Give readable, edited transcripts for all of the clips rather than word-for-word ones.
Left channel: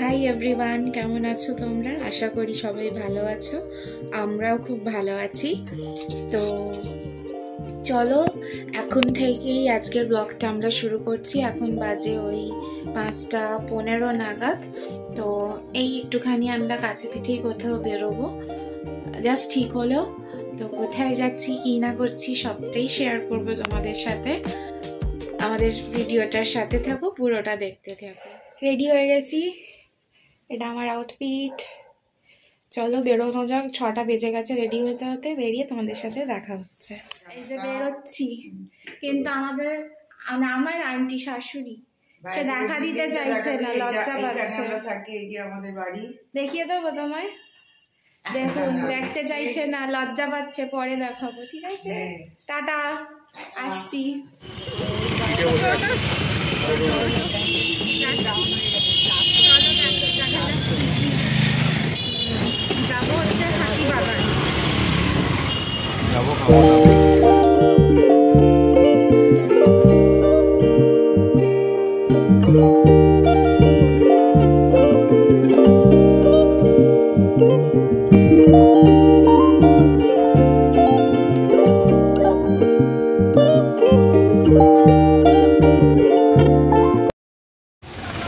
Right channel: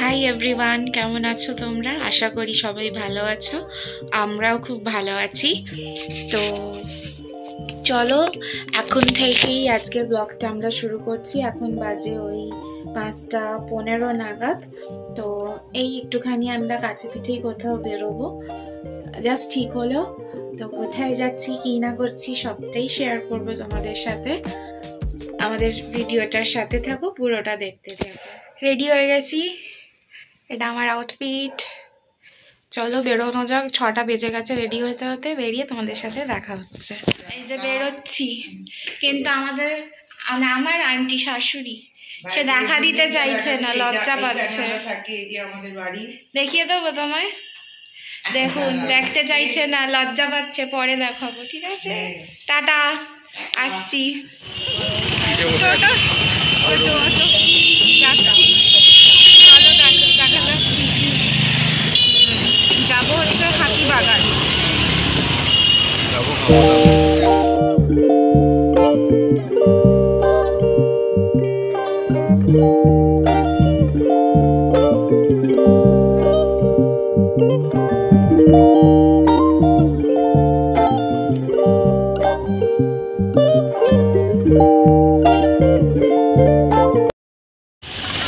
Hi everyone, কেমন আছো তোমরা? আশা করি সবাই ভালো আছো। আমরাও খুব ভালো আছি। তো চলো এখন থেকেই আজকের ব্লগটা আমরা শুরু করছি। এখন বাজে ওই 5:15 নাগাদ। তো এই একটুখানি আমরা কাছে পিঠেই কোথাও বেরোবো, জাস্ট ঠিক হলো। তো কোথায় যাচ্ছি কি না করছি সবটাই শেয়ার করবো তোমাদের সাথে। আমাদের ভিডিওটার সাথে থাকো, পুরোটা দেখতে থাকো। রেডি হয়ে গেছি, এটা আমার আউটফিট। চলো বেরোনো যাক, 6টা বেজে গেছে রেডি হতে হতে। বেরিয়ে তোমাদের সাথে দেখা হচ্ছে। এই যে বেরোচ্ছি, কিন্তু আমার আন্টি শাশুড়ি সে দেখা দিতে চাইছে না, লজ্জা পাচ্ছে। দেখিয়ে দেবো তোমায়, দেখুন দেখতে চাইছে না, লজ্জা পাচ্ছে, পরে দেখাবো, ঠিক আছে? টাটা, আসছি। যাচ্ছি, চলো দেখা যাক। যাবো হচ্ছে হাতিবাগান।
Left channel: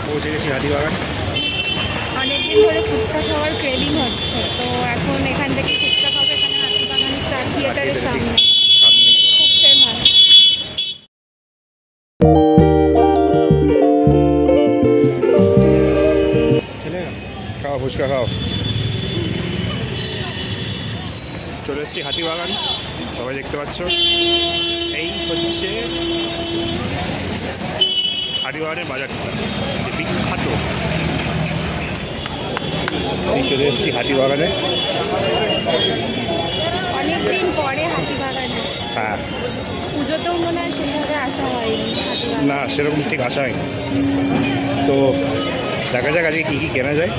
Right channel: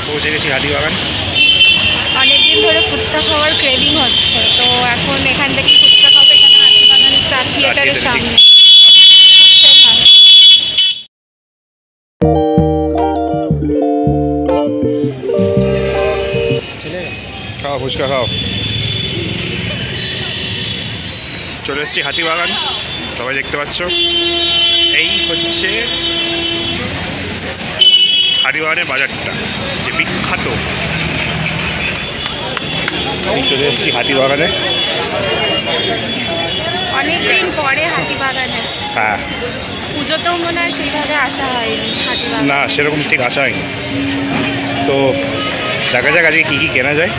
পৌঁছে গেছি হাতিবাগান। অনেকদিন ধরে ফুচকা খাওয়ার ক্রেভিং হচ্ছে, তো এখন এখান থেকে ফুচকা খাবো। এখানে হাতিবাগান স্টার থিয়েটারের সামনে খুব ফেমাস। খাও ফুচকা খাও। চলে এসেছি হাতিবাগান, সবাই দেখতে পাচ্ছ। এই হচ্ছে হাতিবাগানের বাজারটা, যে বিখ্যাত। চলে এসেছি হাতিবাগানে, অনেকদিন পরে হাতিবাগানে। হ্যাঁ, পুজোতেও মনে হয় সেইভাবে আসা হয়নি হাতিবাগান, না সেরকম ঠিক আসা হয়নি। তো দেখা যাক আজকে কী কী কেনা যায়।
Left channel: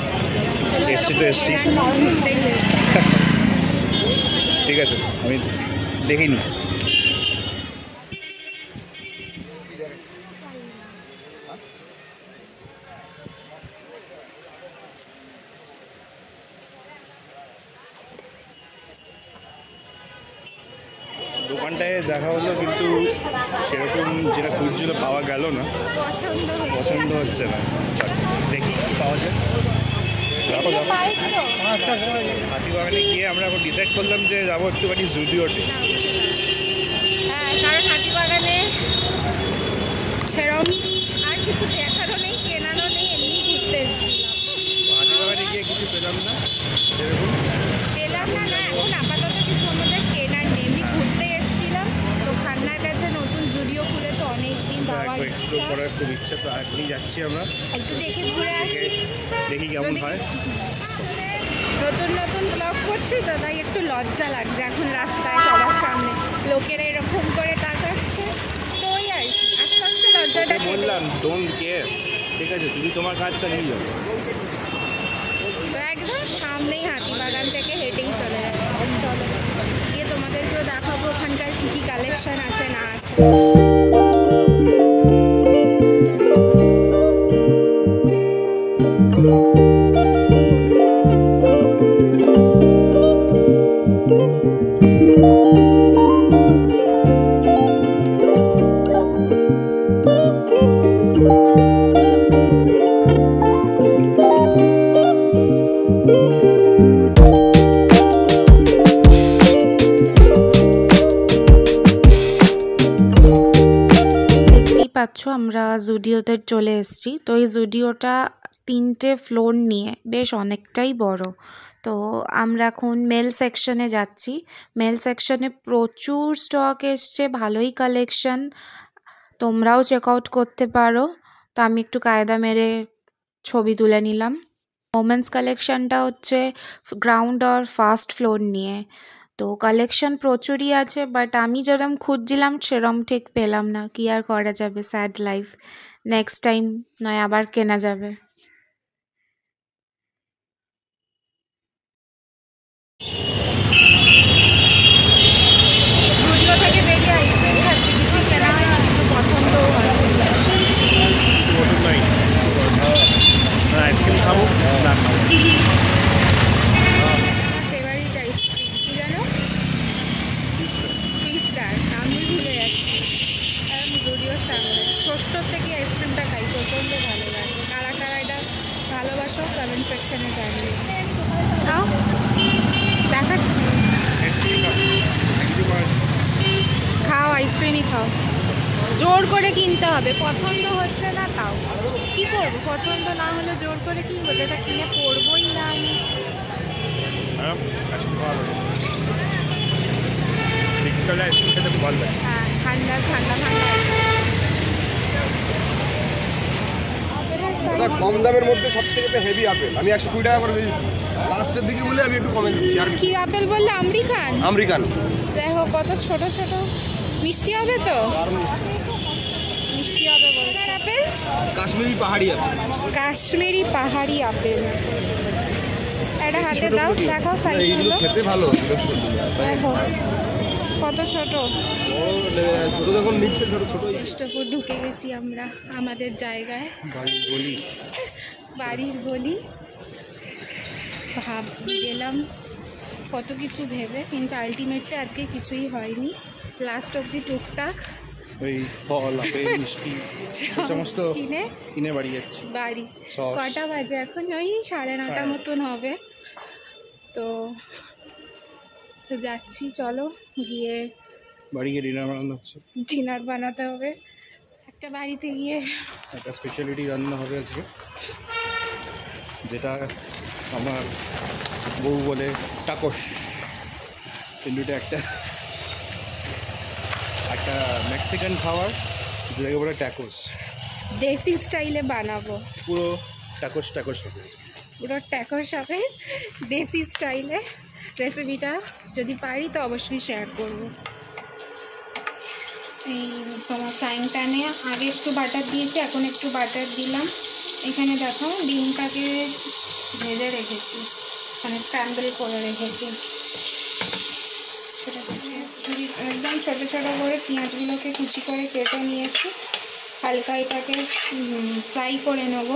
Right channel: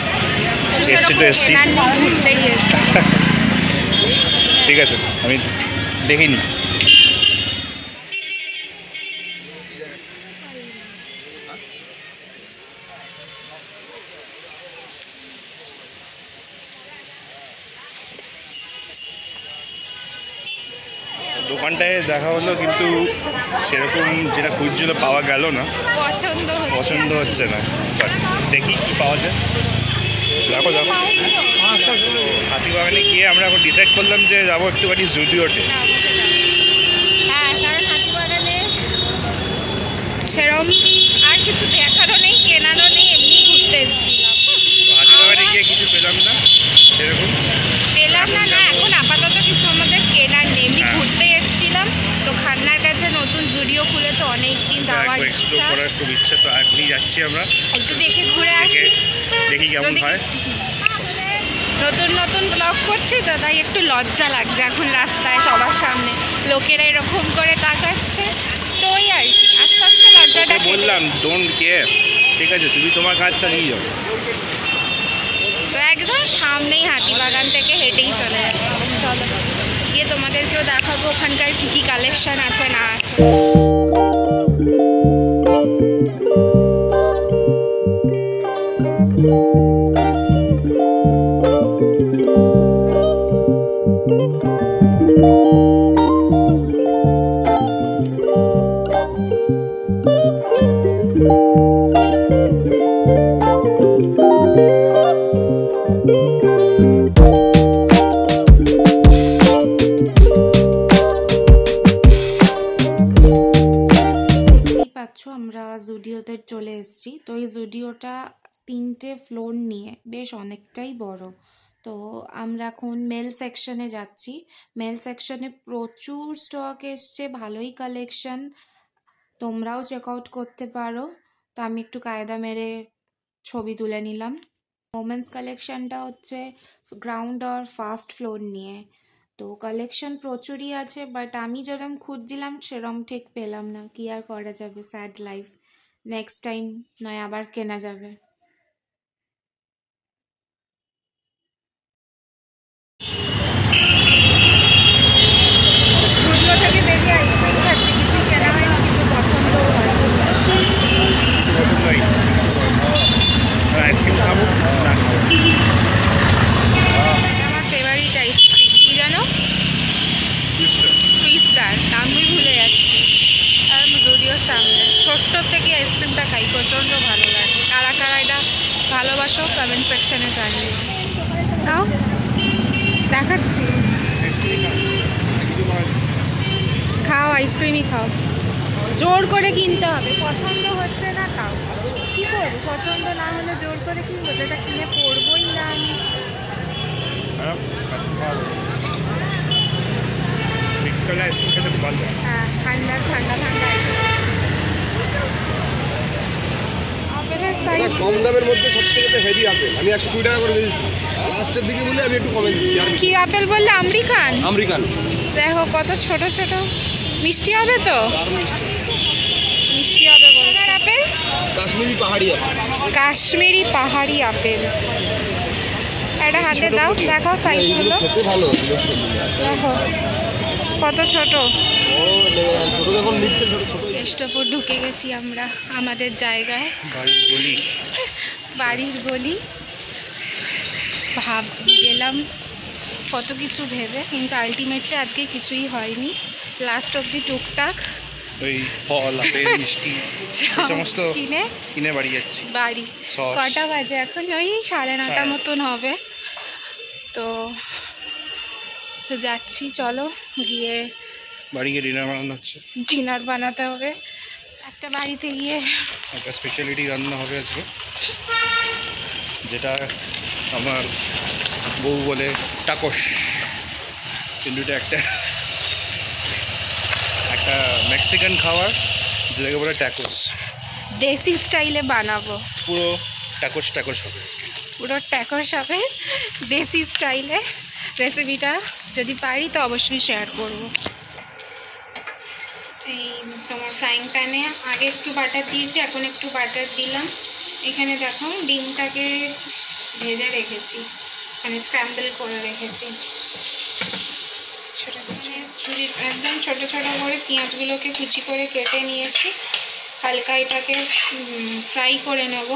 এসছি তো এসছি, ঠিক আছে, আমি দেখিনি। দোকানটায় দেখা হলো, কিন্তু সেরকম যেটা খুঁজছিল পাওয়া গেল না, পছন্দ হচ্ছে না। দেখি কি পাওয়া যায়। দেখো হাতিবাগানে গিয়ে আমরা এখন ডিসাইড করলাম যে যাবো একটুখানি জুডিওতে। হ্যাঁ, কারণ হাতিবাগানে সেরম আর কিছু দেখারও নেই, কেনারও নেই, এমনি ঘুরতে এসেছিলাম। হাতিবাগানে গিয়ে কিছু পেলাম না, সেরকম পেলাম না। এখন আপাতত কিছু আমাদের কেনার নেই, এমনি ঘুরতে এসেছিলাম। তো খান্নার কাছে নতুন জুডিও খুলেছে, অনেকদিন যাওয়ার এক্সপ্লোর করার খুব ইচ্ছা। তো এখনই যাচ্ছি আমরা, একটু দেখে ঘুরে আসি, দেখি কেমন হয়। নতুন নতুন ব্লগ করছি তো, তাই একটু লজ্জা লাগছে এখন রাস্তায় সবার সামনে লোকেরা এরকম করে তাকাচ্ছে। তো ওই আর কি, আস্তে আস্তে লজ্জাটা বললাম ডোন্ট কেয়ার, ঠিক আছে, তুমি তোমার কাজ চালিয়ে যাও। তো একদম সামনেই হাতিবাগান, থেকে হেঁটেই চলে যাচ্ছে। চলো গিয়ে তোমাদেরকেও দেখাবো ওখানকার কী কী কালেকশন আছে না আছে। আমরা জুডিওতে চলে এসেছি। তো এই জুডিওটা 3টে ফ্লোর নিয়ে বেশ অনেকটাই বড়। তো আমরা এখন মেল সেকশনে যাচ্ছি। মেল সেকশনে প্রচুর স্টক এসছে, ভালোই কালেকশন, তোমরাও চেক আউট করতে পারো। তো আমি একটু কায়দা মেরে ছবি তুলে নিলাম। ওমেন্স কালেকশনটা হচ্ছে গ্রাউন্ড আর ফার্স্ট ফ্লোর নিয়ে। তো কালেকশন প্রচুরই আছে, বাট আমি যেরকম খুঁজছিলাম সেরকম ঠিক পেলাম না। কি আর করা যাবে, স্যাড লাইফ। নেক্সট টাইম নয় আবার কেনা যাবে। জুডিও থেকে বেরিয়ে আইসক্রিম খাচ্ছি, কিছু কেনা হয়নি, কিছু পছন্দ জুডিওর সামনে ছোট্ট থেকে আইসক্রিমটা খাই, প্রচণ্ড ভালো লাগে। কারা কারা এটা ভালোবাসো কমেন্ট সেকশনে জানিও। তাও দেখাচ্ছি, খাও আইসক্রিমই খাও, জোর করে কিনতে হবে, পছন্দ হচ্ছে না তাও কি করবো, পছন্দ না হলে জোর করে কিনবো, যেটা কিনে পড়বোই না আমি। হ্যাঁ ঠান্ডা ঠান্ডা ঠান্ডা কম দামের মধ্যে সবথেকে হেভি আপেল আমি 120 টাকা করে বেচেছি, লাস্টের দিকে বলে আমি একটু কমে দিচ্ছি। আর কি আপেল বললে? আমেরিকান। আমেরিকান দেখো কত ছোট ছোট, মিষ্টি হবে তো, মিষ্টি হবে বলছে। আপেল কাশ্মীরি পাহাড়ি আপেল, কাশ্মীরি পাহাড়ি আপেল। এটা হাতে দাও, দেখো সাইজগুলো খেতে ভালো, দেখো কত ছোট। ছোট যখন নিচ্ছে ছোট ছোট। স্টপর ঢুকে গেছি আমরা আমাদের জায়গায়, বাড়ির গলি। ভাব গেলাম কত কিছু ভেবে, কিন্তু আলটিমেটলি আজকে কিছুই হয়নি। লাস্ট অবধি টুকটাক ওই ফল আপেল মিষ্টি সমস্ত কিনে বাড়ি যাচ্ছি। বাড়ি কটা বাজে এখন? ওই 9:30 মতন হবে। তো যাচ্ছি, চলো গিয়ে বাড়ি গিয়ে ডিনার বানানো হচ্ছে, ডিনার বানাতে হবে। একটা বাড়িতে গিয়ে একটা স্পেশালিটি রান্না হবে আজকে, যেটা আমার বউ বলে টাকোস, কিন্তু এটা একটা মেক্সিকান খাবার যেটাকে বলে ট্যাকোস। দেশি স্টাইলে বানাবো, পুরো ট্যাকোস হবে আজকে, পুরো ট্যাকোস হবে দেশি স্টাইলে। রেসিপিটা যদি পারি তো অবশ্যই শেয়ার করব। এই তোমার ফ্রাইং প্যানে আগে একটু বাটার দিয়েছি, এখন একটু বাটার দিলাম। এখানে দেখো ডিমটাকে ভেজে রেখেছি, মানে স্ক্র্যাম্বল করে রেখেছি। একদম ছোটো ছোটো করে পেঁয়াজগুলোকে কুচি করে কেটে নিয়েছি। হালকা এটাকে ফ্রাই করে নেব।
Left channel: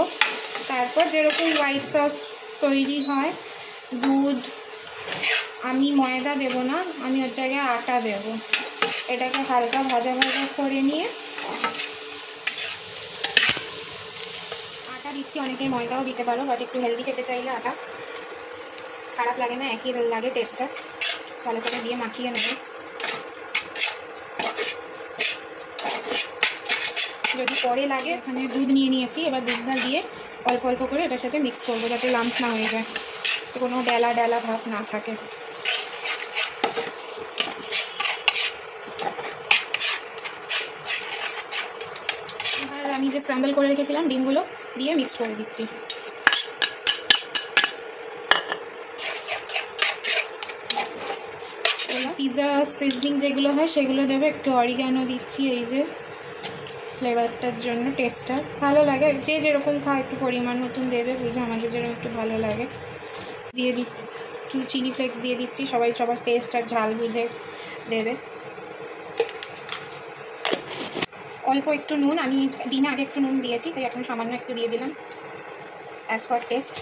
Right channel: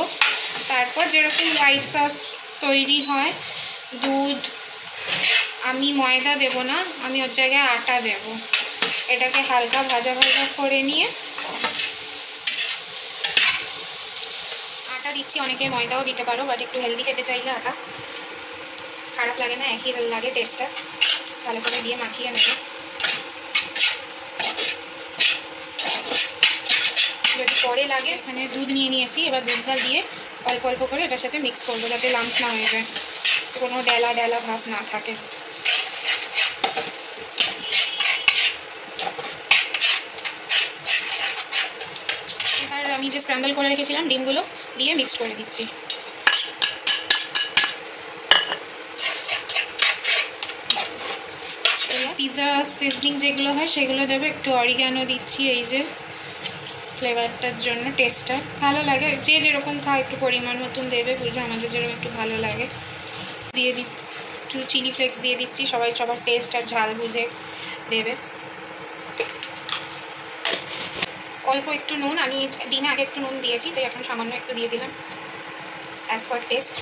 তারপর যেরকম হোয়াইট সস তৈরি হয়, দুধ, আমি ময়দা দেব না, আমি ওর জায়গায় আটা দেব। এটাকে হালকা ভাজা ভাজা করে নিয়ে আটা দিচ্ছি, অনেকে ময়দাও দিতে পারো, বাট একটু হেলদি খেতে চাইলে আটা খারাপ লাগে না, একই লাগে টেস্টটা। ভালো করে দিয়ে মাখিয়ে নেব। যদি পরে লাগে, এখানে দুধ নিয়ে নিয়েছি, এবার দুধটা দিয়ে অল্প অল্প করে এটার সাথে মিক্স করবো, যাতে লাম্পস না হয়ে যায়, যাতে কোনো ডেলা ডেলা ভাব না থাকে। এবার আমি যে স্ক্র্যাম্বল করে রেখেছিলাম ডিমগুলো দিয়ে মিক্স করে দিচ্ছি। পিৎজা সিজনিং যেগুলো হয় সেগুলো দেবে, একটু অরিগ্যানো দিচ্ছি, এই যে ফ্লেভারটার জন্য, টেস্টটা ভালো লাগে। যে যেরকম খায় একটু পরিমাণ মতন দেবে, বুঝে, আমাদের যেরকম একটু ভালো লাগে। দিয়ে দিচ্ছি একটু চিলি ফ্লেক্স দিয়ে দিচ্ছি, সবাই সবার টেস্ট আর ঝাল বুঝে দেবে। অল্প একটু নুন, আমি ডিমে আগে একটু নুন দিয়েছি, তাই এখন সামান্য একটু দিয়ে দিলাম অ্যাজ পার টেস্ট।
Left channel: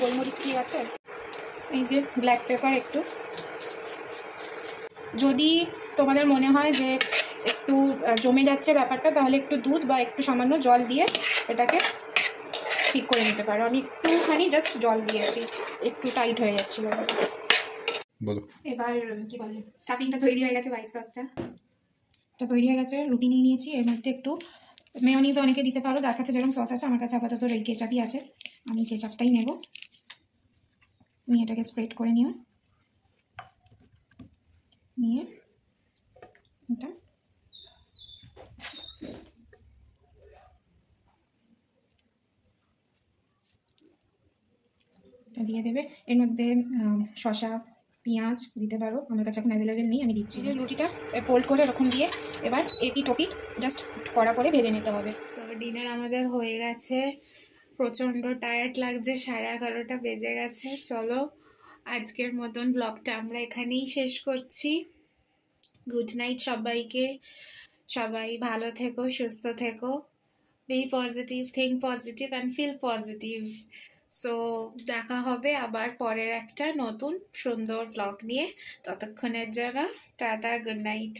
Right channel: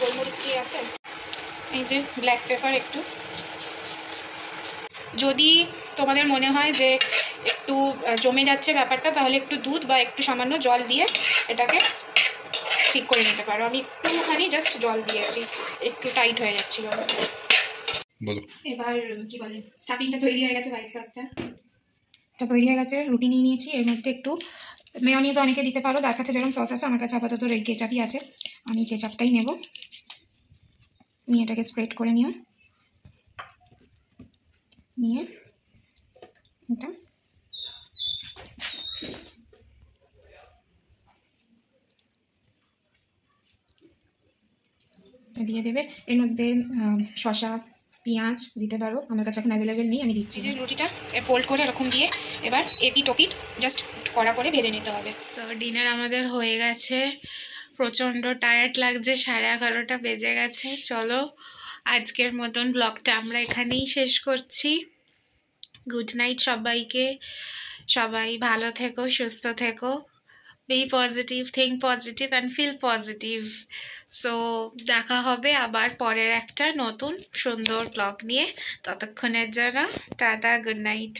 গোলমরিচ কি আছে, এই যে ব্ল্যাক পেপার একটু। যদি তোমাদের মনে হয় যে একটু জমে যাচ্ছে ব্যাপারটা, তাহলে একটু দুধ বা একটু সামান্য জল দিয়ে এটাকে ঠিক করে নিতে পারো। আমি একটুখানি জাস্ট জল দিয়েছি, একটু টাইট হয়ে যাচ্ছিলো। বলো। এবার কি বলে, স্টাফিংটা তৈরি হয়ে গেছে, হোয়াইট সসটা তৈরি হয়ে গেছে। রুটি নিয়ে নিয়েছি, এর মধ্যে একটু মেয়োনিজ অনেকে দিতে পারো, তার কাছে যেরকম সস আছে, আমার কাছে আপাতত এই কেচাপই আছে, আমি কেচাপটাই নেব। নিয়ে এটাকে স্প্রেড করে নিয়ে এটা দিয়ে দেবে। এর মধ্যে শসা, পেঁয়াজ দিতে পারো, আমার কাছে এখন অ্যাভেলেবেল নেই, আমি দিচ্ছি। যে রুটিটা ফোল্ড করে এরকম দিয়ে এবার এপিট ওপিট জাস্ট কড়া করে ভেজে নিতে হবে। তো ডিনার আমাদের হয়ে গেছে, প্রচণ্ড টায়ার্ড লাগছে, 11:30 বেজে গেছে। চলো আজকের মতন ব্লগটা আমরা এখানেই শেষ করছি। গুড নাইট সবাইকে, সবাই ভালো থেকো, সুস্থ থেকো, be positive, think positive and feel positive. So দেখা হবে আবার পরের একটা নতুন সুন্দর ব্লগ নিয়ে। ততক্ষণের জন্য টাটা, গুড নাইট।